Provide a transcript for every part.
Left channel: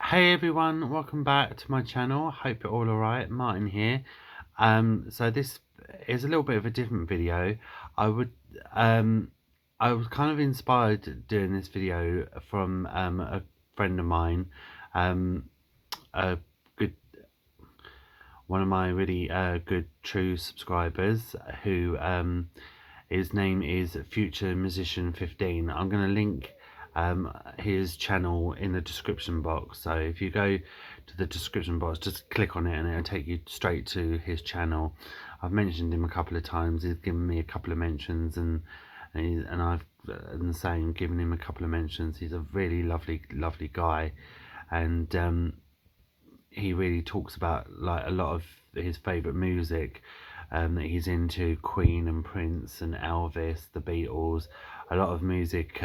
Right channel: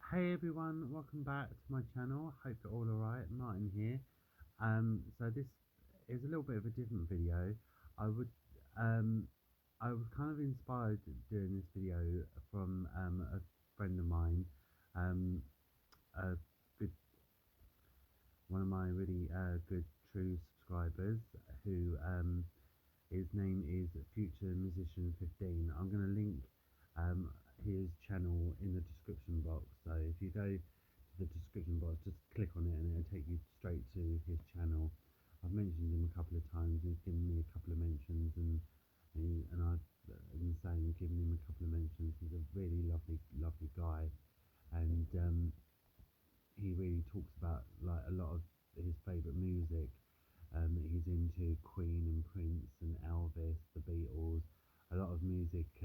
Hey everyone, welcome back to my channel. Hope you're all alright. Martin here. So this is a little bit of a different video. I would I was kind of inspired doing this video from a friend of mine, a good one of my really good true subscribers who his name is Future Musician 15. I'm going to link his channel in the description box. So if you go to the description box, just click on it and it'll take you straight to his channel. I've mentioned him a couple of times. He's given me a couple of mentions, and I've the same, given him a couple of mentions. He's a really lovely guy, and he really talks about like a lot of his favourite music that he's into: Queen and Prince and Elvis, the Beatles, a lot of music.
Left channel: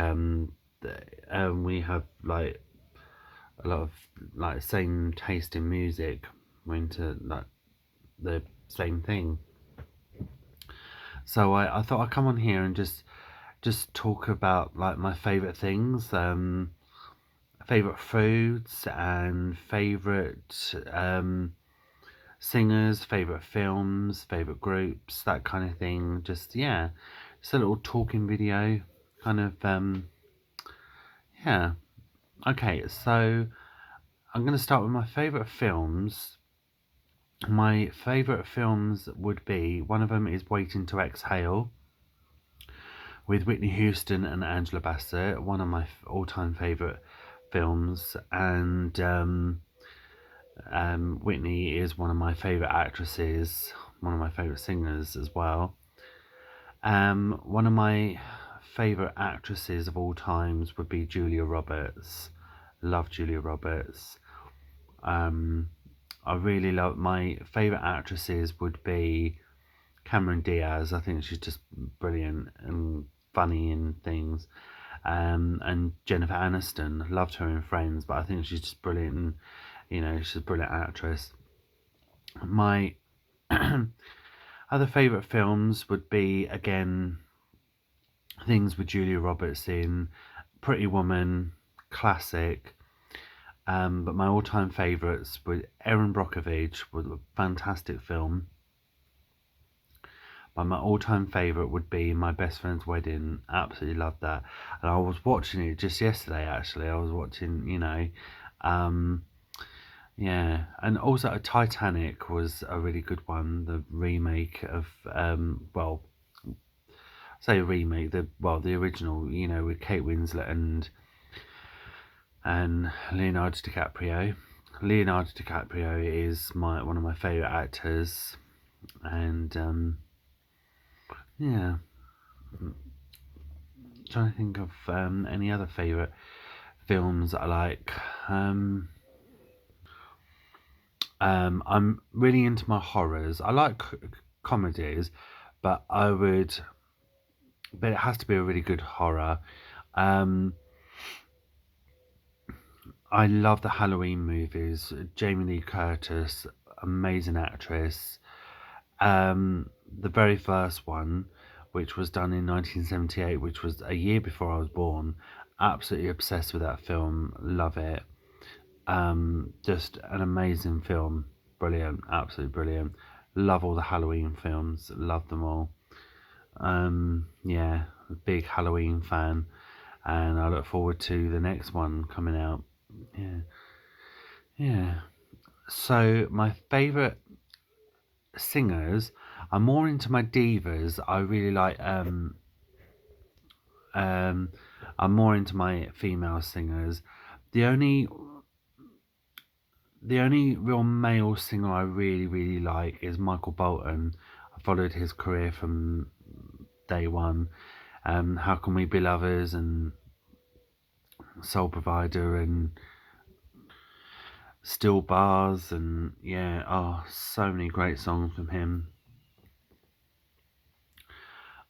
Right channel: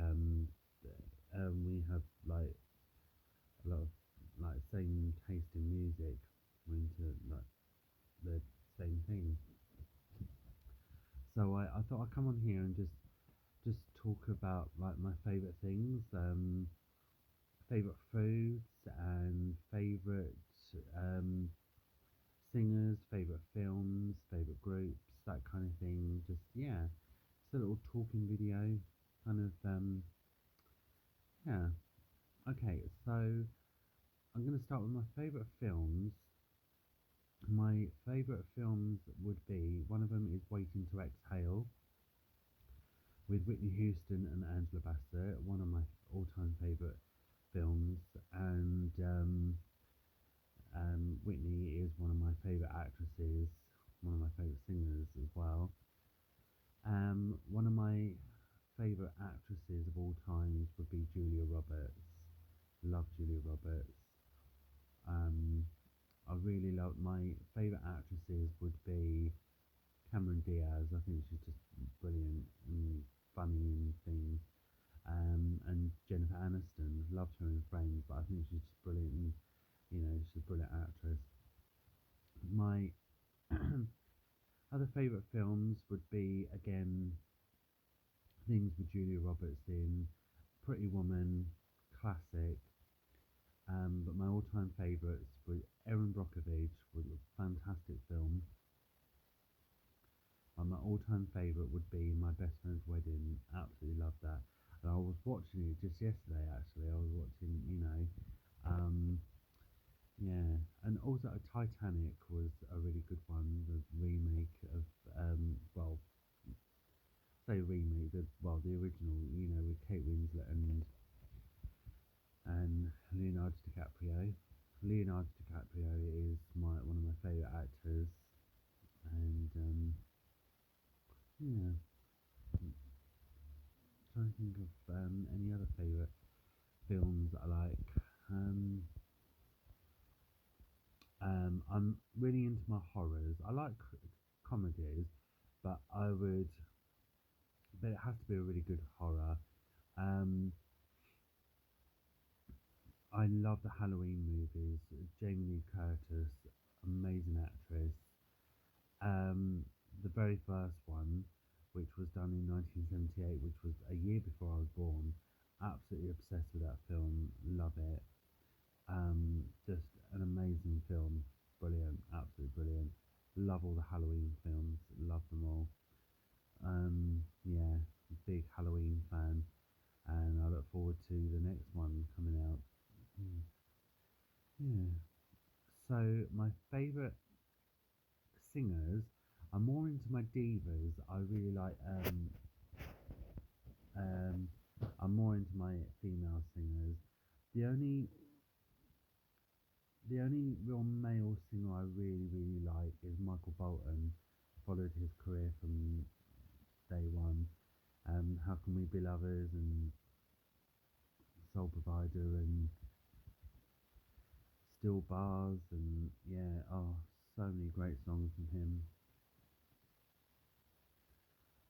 We have like a lot of like same taste in music. We're into like the same thing. So I thought I'd come on here and just talk about like my favourite things, favourite foods and favourite singers, favourite films, favourite groups, that kind of thing. Just, yeah, just a little talking video, kind of, yeah. Okay, so I'm going to start with my favourite films. My favourite films would be, one of them is Waiting to Exhale with Whitney Houston and Angela Bassett, one of my all-time favourite films, and Whitney is one of my favourite actresses, one of my favourite singers as well. One of my favourite actresses of all times would be Julia Roberts. Love Julia Roberts. I really love, my favourite actresses would be Cameron Diaz. I think she's just brilliant and funny in things. And Jennifer Aniston. Loved her in Friends, but I think she's just brilliant, and she's a brilliant actress. My other favourite films would be, again, things with Julia Roberts in. Pretty Woman, classic. But my all-time favourites were Erin Brockovich, was a fantastic film. But my all-time favourite would be My Best Friend's Wedding. Absolutely loved that. And I was watching it just yesterday, actually. I was watching, yeah. And also Titanic was a really good one. The remake of, well, say remake, the original, with Kate Winslet and Leonardo DiCaprio. Leonardo DiCaprio is one of my favourite actors, and yeah, I'm trying to think of any other favourite films that I like. I'm really into my horrors. I like comedies, but it has to be a really good horror. Um, I love the Halloween movies. Jamie Lee Curtis, amazing actress. The very first one, which was done in 1978, which was a year before I was born. Absolutely obsessed with that film. Love it. Just an amazing film. Brilliant. Absolutely brilliant. Love all the Halloween films. Love them all. Yeah, big Halloween fan, and I look forward to the next one coming out. Yeah, yeah. So my favourite singers, I'm more into my divas. I really like um I'm more into my female singers. The only real male singer I really like is Michael Bolton. I followed his career from day one. How Can We Be Lovers and Soul Provider and Still Bars, and yeah, oh, so many great songs from him.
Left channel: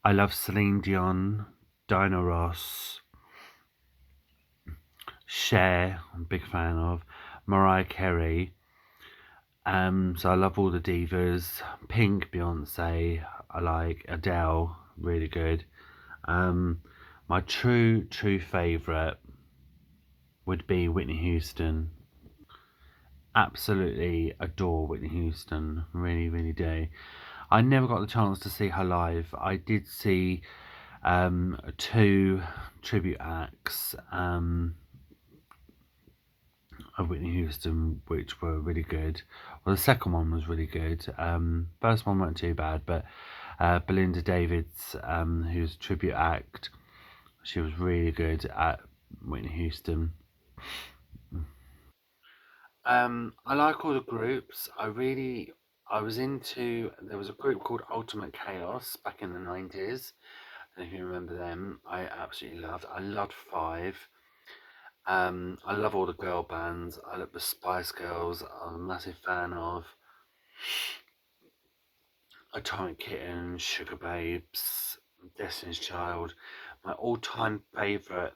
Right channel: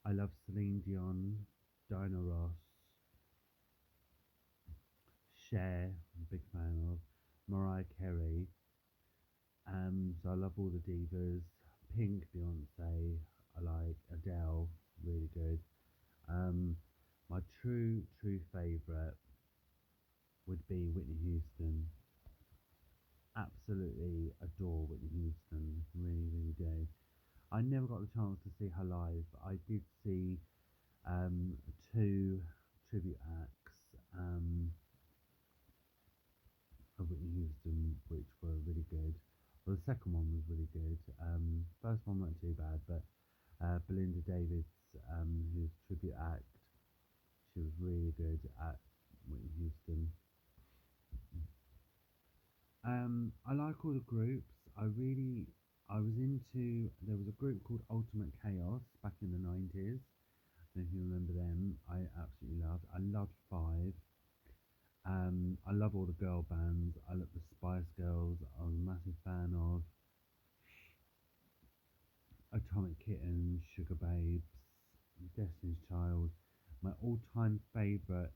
I love Celine Dion, Diana Ross, Cher, I'm a big fan of, Mariah Carey. So I love all the divas. Pink, Beyonce, I like Adele, really good. My true favourite would be Whitney Houston. absolutely adore Whitney Houston. Really, really do. I never got the chance to see her live. I did see two tribute acts of Whitney Houston, which were really good. Well, the second one was really good. First one weren't too bad, but Belinda Davids, who's a tribute act, she was really good at Whitney Houston. I like all the groups. I was into. There was a group called Ultimate Chaos back in the 90s. I don't know if you remember them. I absolutely loved. I loved Five. I love all the girl bands. I love the Spice Girls. I'm a massive fan of Atomic Kitten, Sugar Babes, Destiny's Child. My all-time favourite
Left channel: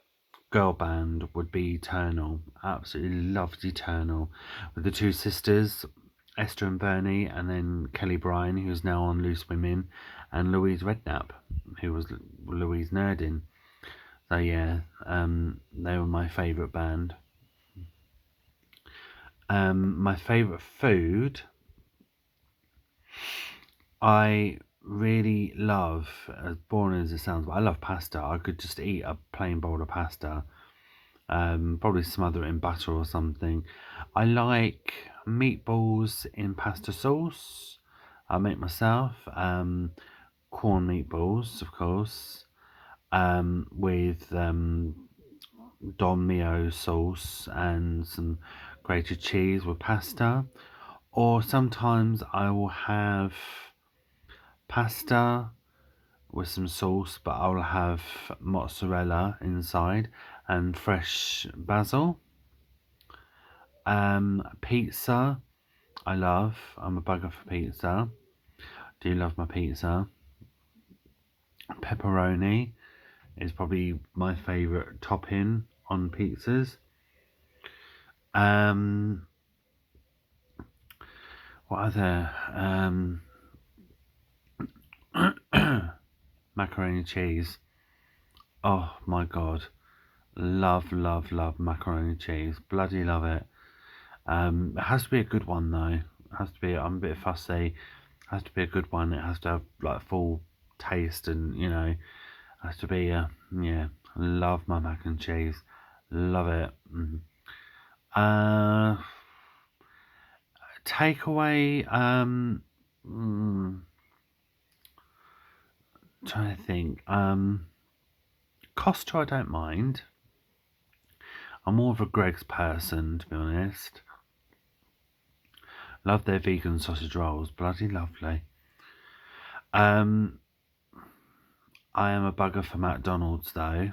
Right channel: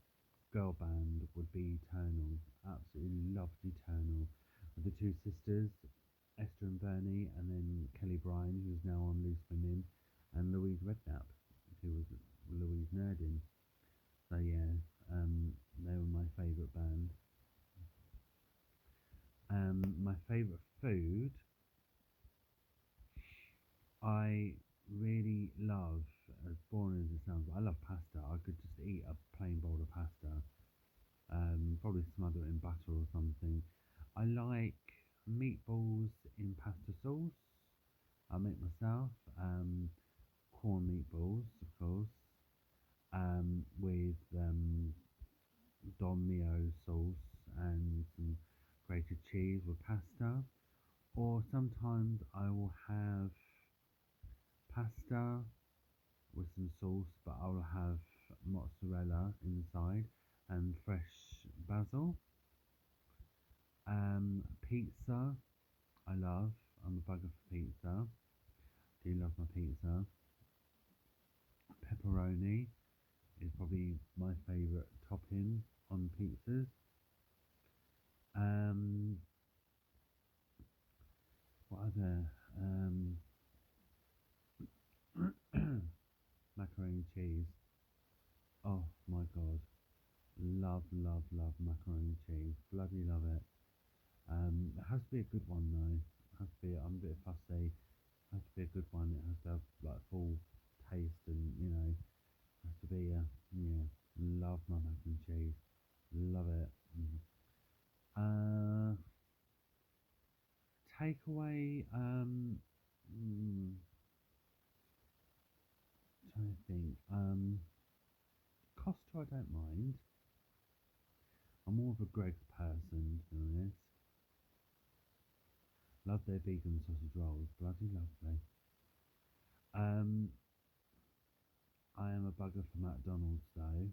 girl band would be Eternal. Absolutely loved Eternal, with the two sisters, Esther and Bernie, and then Kelly Bryan, who's now on Loose Women, and Louise Redknapp, who was Louise Nerdin. So yeah, they were my favourite band. My favourite food, I really love, as boring as it sounds, but I love pasta. I could just eat a plain bowl of pasta, probably smother it in butter or something. I like meatballs in pasta sauce. I make myself corn meatballs, of course, with Don Mio sauce and some grated cheese with pasta. Or sometimes I will have pasta with some sauce, but I'll have mozzarella inside and fresh basil. Pizza, I love. I'm a bugger for pizza. Do love my pizza. Pepperoni is probably my favourite topping on pizzas. Um, what other? Macaroni and cheese. Oh my god, love, love, love macaroni and cheese. Bloody love it. It has to be a good one though. It has to be. I'm a bit fussy. It has to be a good one. It has to have like full taste, and it has to be. Yeah, love my mac and cheese. Love it. Uh, Takeaway. Trying to think. Costa, I don't mind. I'm more of a Greg's person, to be honest. Love their vegan sausage rolls. Bloody lovely. Um, I am a bugger for McDonald's though.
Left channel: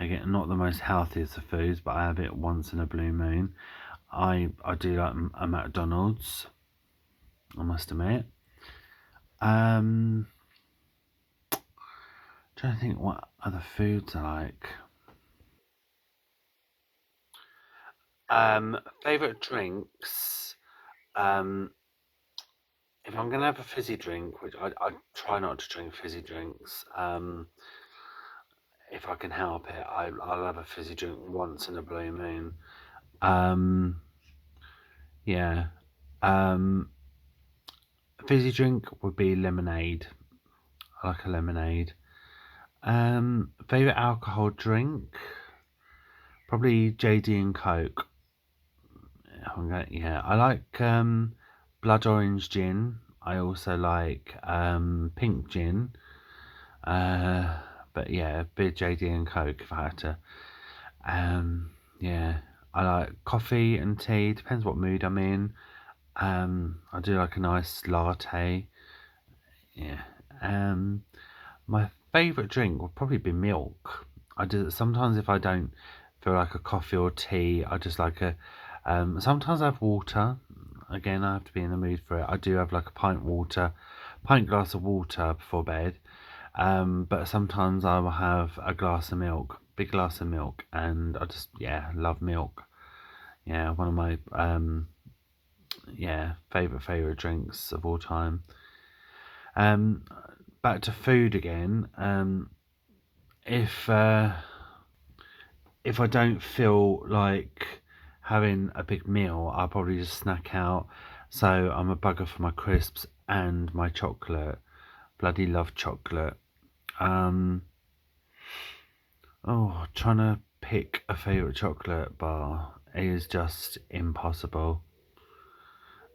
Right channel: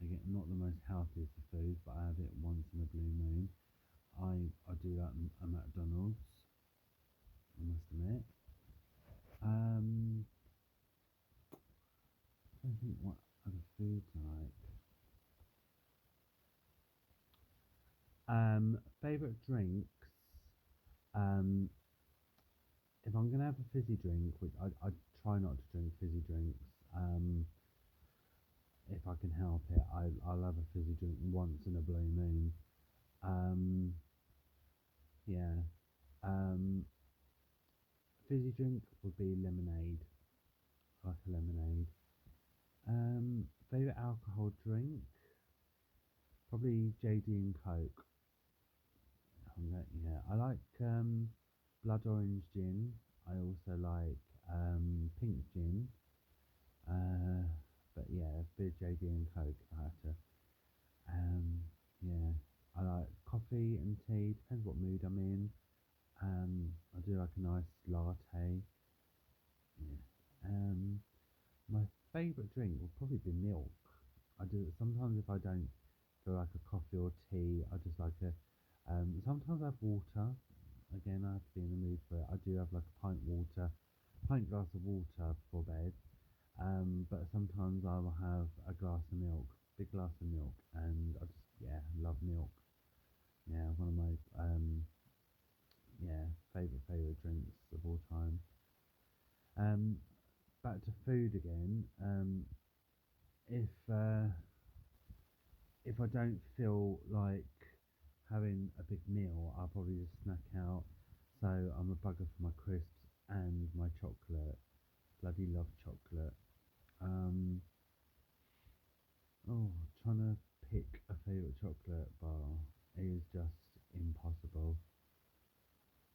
Again, not the most healthiest of foods, but I have it once in a blue moon. I do like a McDonald's, I must admit. Trying to think what other foods I like. Favorite drinks. Um, if I'm gonna have a fizzy drink, which I try not to drink fizzy drinks. If I can help it, I'll have a fizzy drink once in a blue moon. Um, yeah. Um, Fizzy drink would be lemonade. I like a lemonade. Favorite alcohol drink? Probably JD and Coke. Yeah, I like blood orange gin. I also like pink gin. Uh, but yeah, bit JD and Coke if I had to. Yeah, I like coffee and tea. Depends what mood I'm in. I do like a nice latte. Yeah. My favourite drink would probably be milk. I do sometimes if I don't feel like a coffee or tea, I just like a. Sometimes I have water. Again, I have to be in the mood for it. I do have like a pint glass of water before bed. But sometimes I will have a glass of milk, big glass of milk, and I just love milk. Yeah, one of my favorite drinks of all time. Um, Back to food again. If if I don't feel like having a big meal, I'll probably just snack out. So I'm a bugger for my crisps and my chocolate. Bloody love chocolate. Um, trying to pick a favourite chocolate bar is just impossible.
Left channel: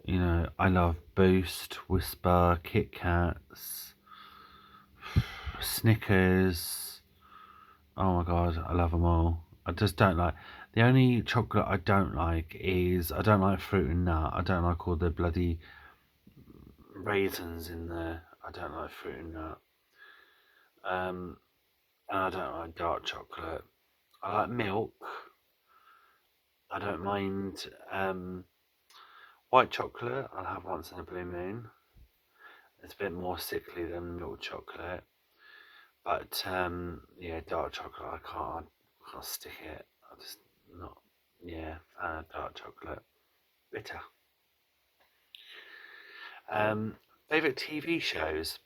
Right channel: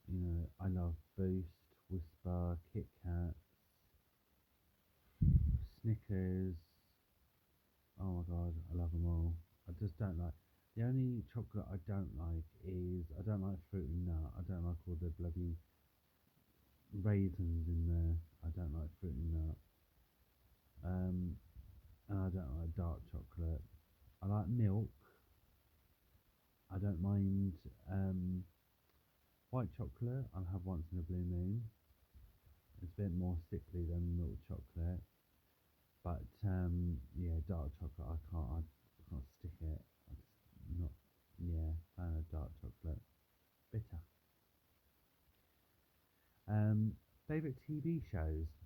You know, I love Boost, Whisper, Kit Kats, Snickers. Oh my god, I love them all. I just don't like. The only chocolate I don't like is I don't like fruit and nut. I don't like all the bloody raisins in there. I don't like fruit and nut. Um, and I don't like dark chocolate. I like milk. I don't mind white chocolate. I'll have once in a blue moon. It's a bit more sickly than milk chocolate. But yeah, dark chocolate I can't stick it. I just not fan of dark chocolate. Bitter. Um, Favorite TV shows.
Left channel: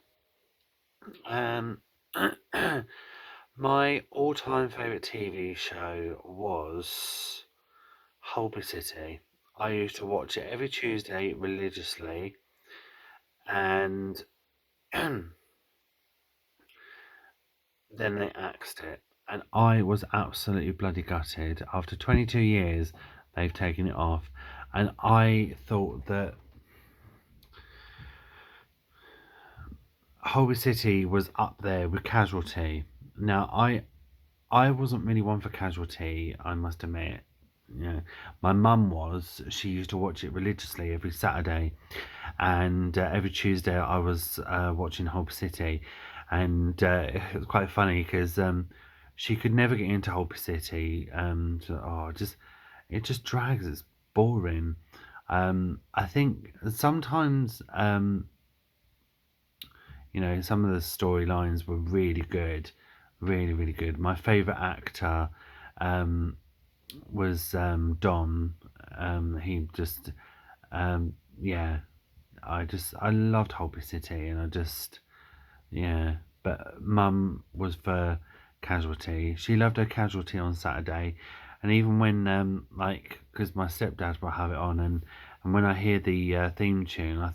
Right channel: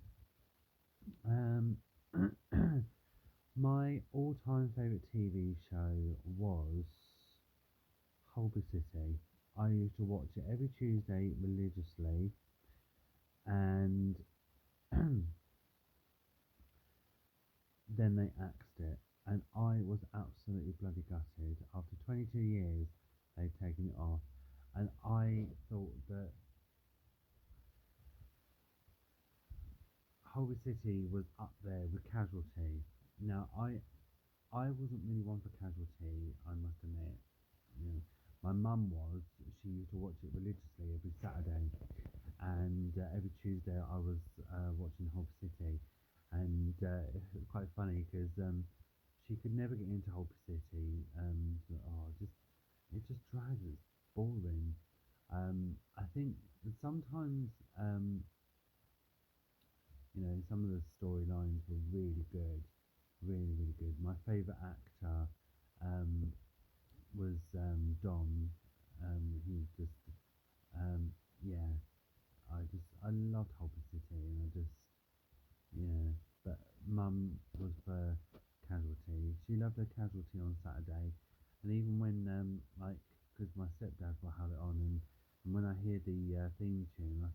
Um, my all-time favorite TV show was Holby City. I used to watch it every Tuesday religiously, and then they axed it, and I was absolutely bloody gutted. After 22 years, they've taken it off, and I thought that Holby City was up there with Casualty. Now, I wasn't really one for Casualty, I must admit. You know, my mum was. She used to watch it religiously every Saturday, and every Tuesday I was watching Holby City, and it was quite funny because she could never get into Holby City. It just drags. It's boring. I think sometimes some of the storylines were really good, really really good. My favorite actor um, was Dom. He just yeah, I loved Holby City, and I just yeah. But Mum was for Casualty. She loved her Casualty on Saturday, and even when because my stepdad will have it on, and when I hear the theme tune, I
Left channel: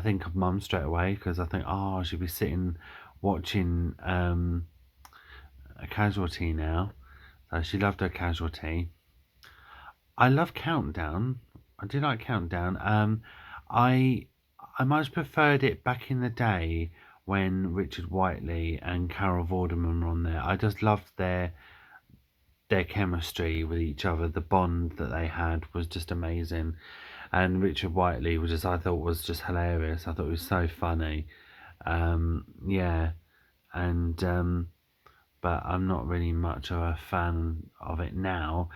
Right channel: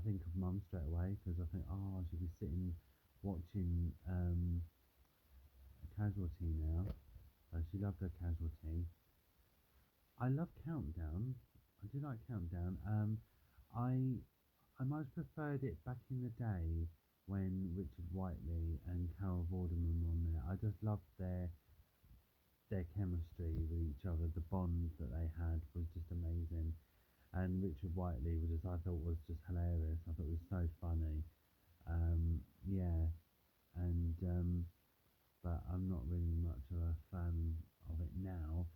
think of Mum straight away because I think she'll be sitting watching a Casualty now. So she loved her Casualty. I love Countdown. I do like Countdown. I I much preferred it back in the day when Richard Whiteley and Carol Vorderman were on there. I just loved their chemistry with each other. The bond that they had was just amazing. And Richard Whiteley I thought was just hilarious. I thought it was so funny. Yeah, and but I'm not really much of a fan of it now.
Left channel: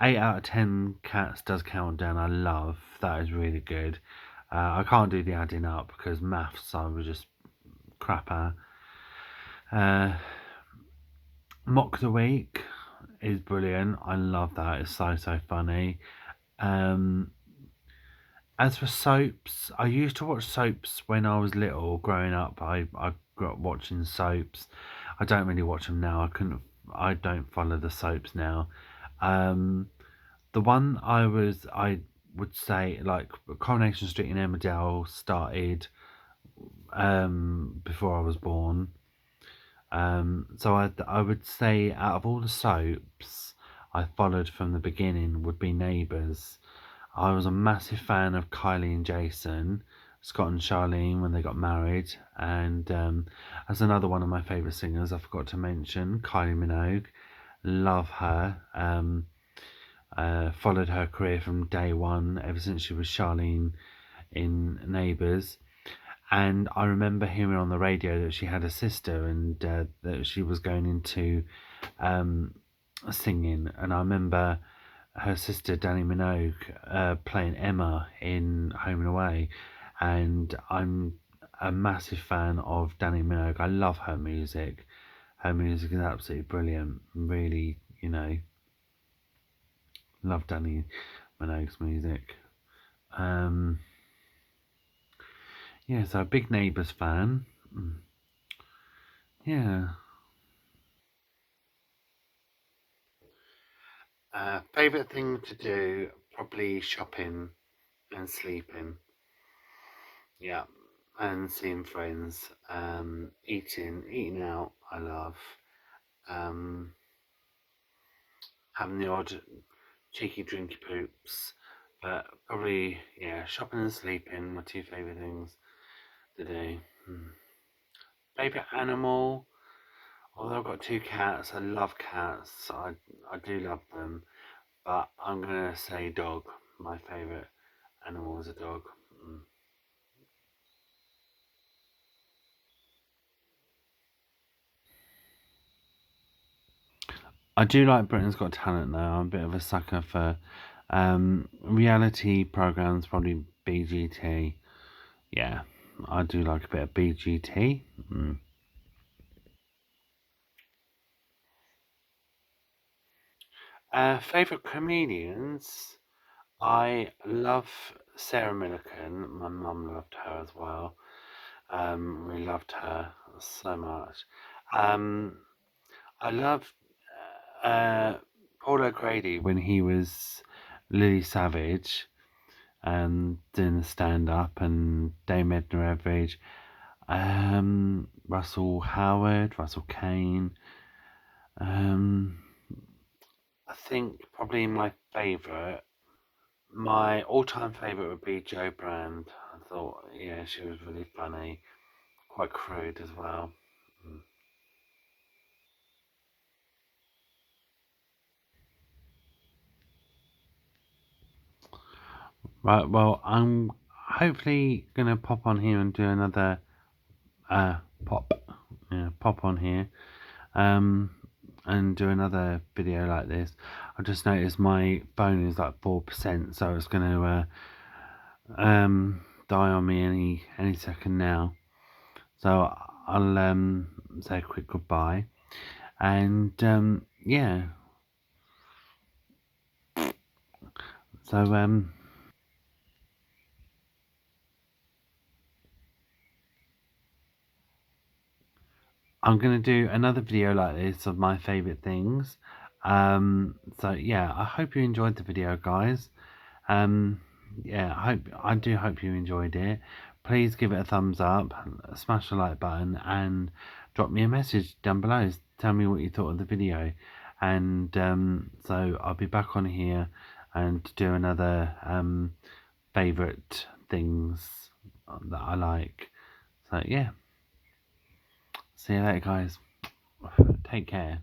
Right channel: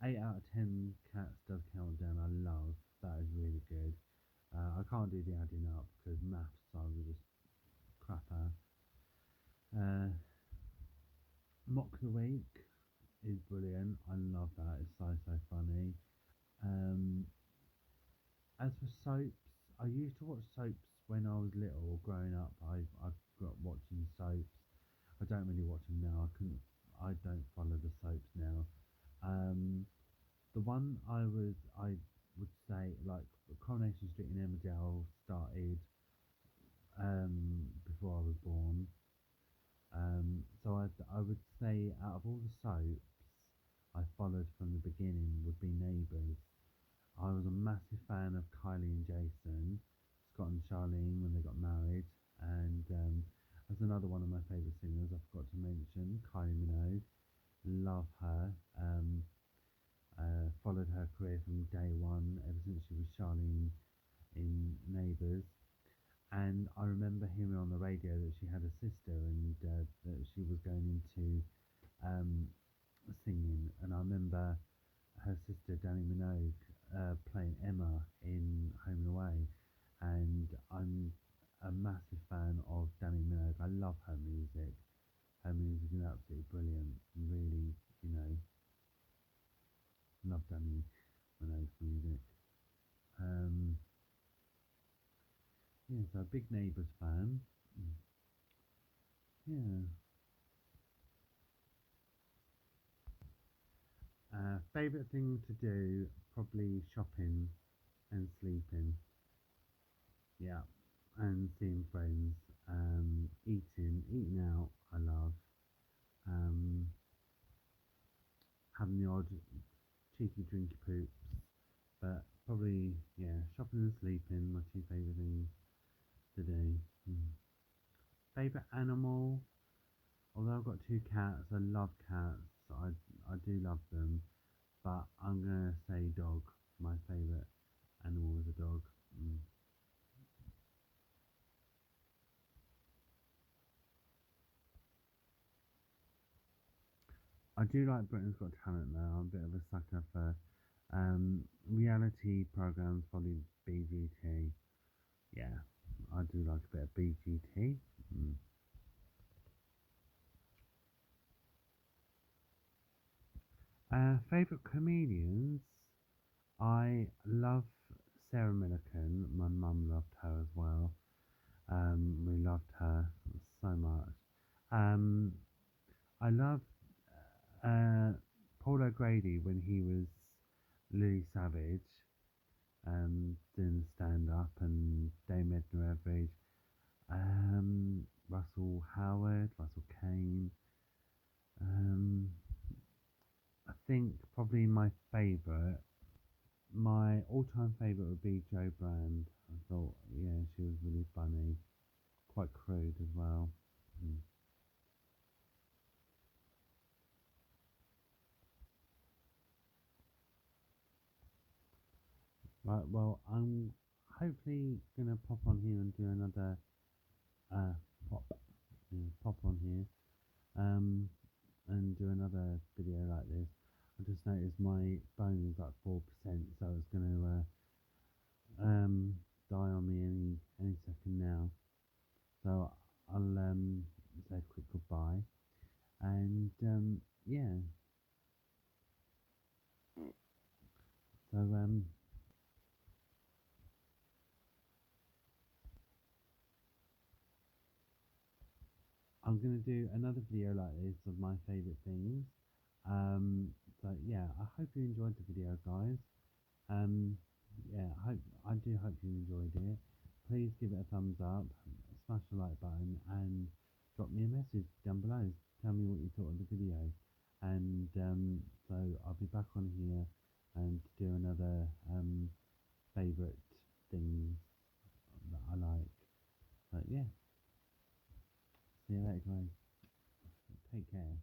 8 out of 10 cats does Countdown. I love that is really good. I can't do the adding up because maths I was just crapper. Uh, Mock the Week is brilliant. I love that. It's so funny. Um, as for soaps, I used to watch soaps when I was little. Growing up, I grew up watching soaps. I don't really watch them now. I don't follow the soaps now. Um, the one I would say like Coronation Street in Emmerdale started before I was born. So I would say out of all the soaps I followed from the beginning would be Neighbours. I was a massive fan of Kylie and Jason, Scott and Charlene when they got married, and as another one of my favourite singers, I forgot to mention Kylie Minogue. Love her. Followed her career from day one, ever since she was Charlene in Neighbours. And I remember hearing on the radio that she had a sister and that she was going into um, singing. And I remember her sister Danny Minogue playing Emma in Home and Away, and I'm a massive fan of Danny Minogue. I love her music. Her music is absolutely brilliant. Really, love Danny Minogue's music. Um, yeah, so a big Neighbours fan. Yeah. Favorite thing to do probably shopping and sleeping. Yeah, and seeing friends. Eating out. I love. Um, Having the odd cheeky drinky poops. But probably, yeah, shopping and sleeping, my two favourite things to do. Favourite animal? Although I've got two cats, I love cats. I do love them. But I'm going to say dog. My favourite animal is a dog. I do like Britain's Got Talent though. I'm a bit of a sucker for reality programs, probably BGT. Yeah, I do like a bit of BGT. Favourite comedians? I love Sarah Millican. My mum loved her as well. We loved her so much. Um, I loved uh, Paul O'Grady when he was Lily Savage and doing the stand up, and Dame Edna Everage, Russell Howard, Russell Kane. Um, I think probably my all-time favourite would be Jo Brand. I thought, yeah, she was really funny, quite crude as well. Mm. Right, well, I'm hopefully gonna pop on here and do another uh pop, yeah, pop on here, um, and do another video like this. I just noticed my phone is like 4%, so it's gonna die on me any second now. So I'll say a quick goodbye, and yeah. So I'm gonna do another video like this of my favorite things. So yeah, I hope you enjoyed the video, guys. Um, yeah, I do hope you enjoyed it. Please give it a thumbs up, smash the like button, and drop me a message down below. Tell me what you thought of the video, and so I'll be back on here and do another favorite things that I like. So yeah, see you later, guys. Take care.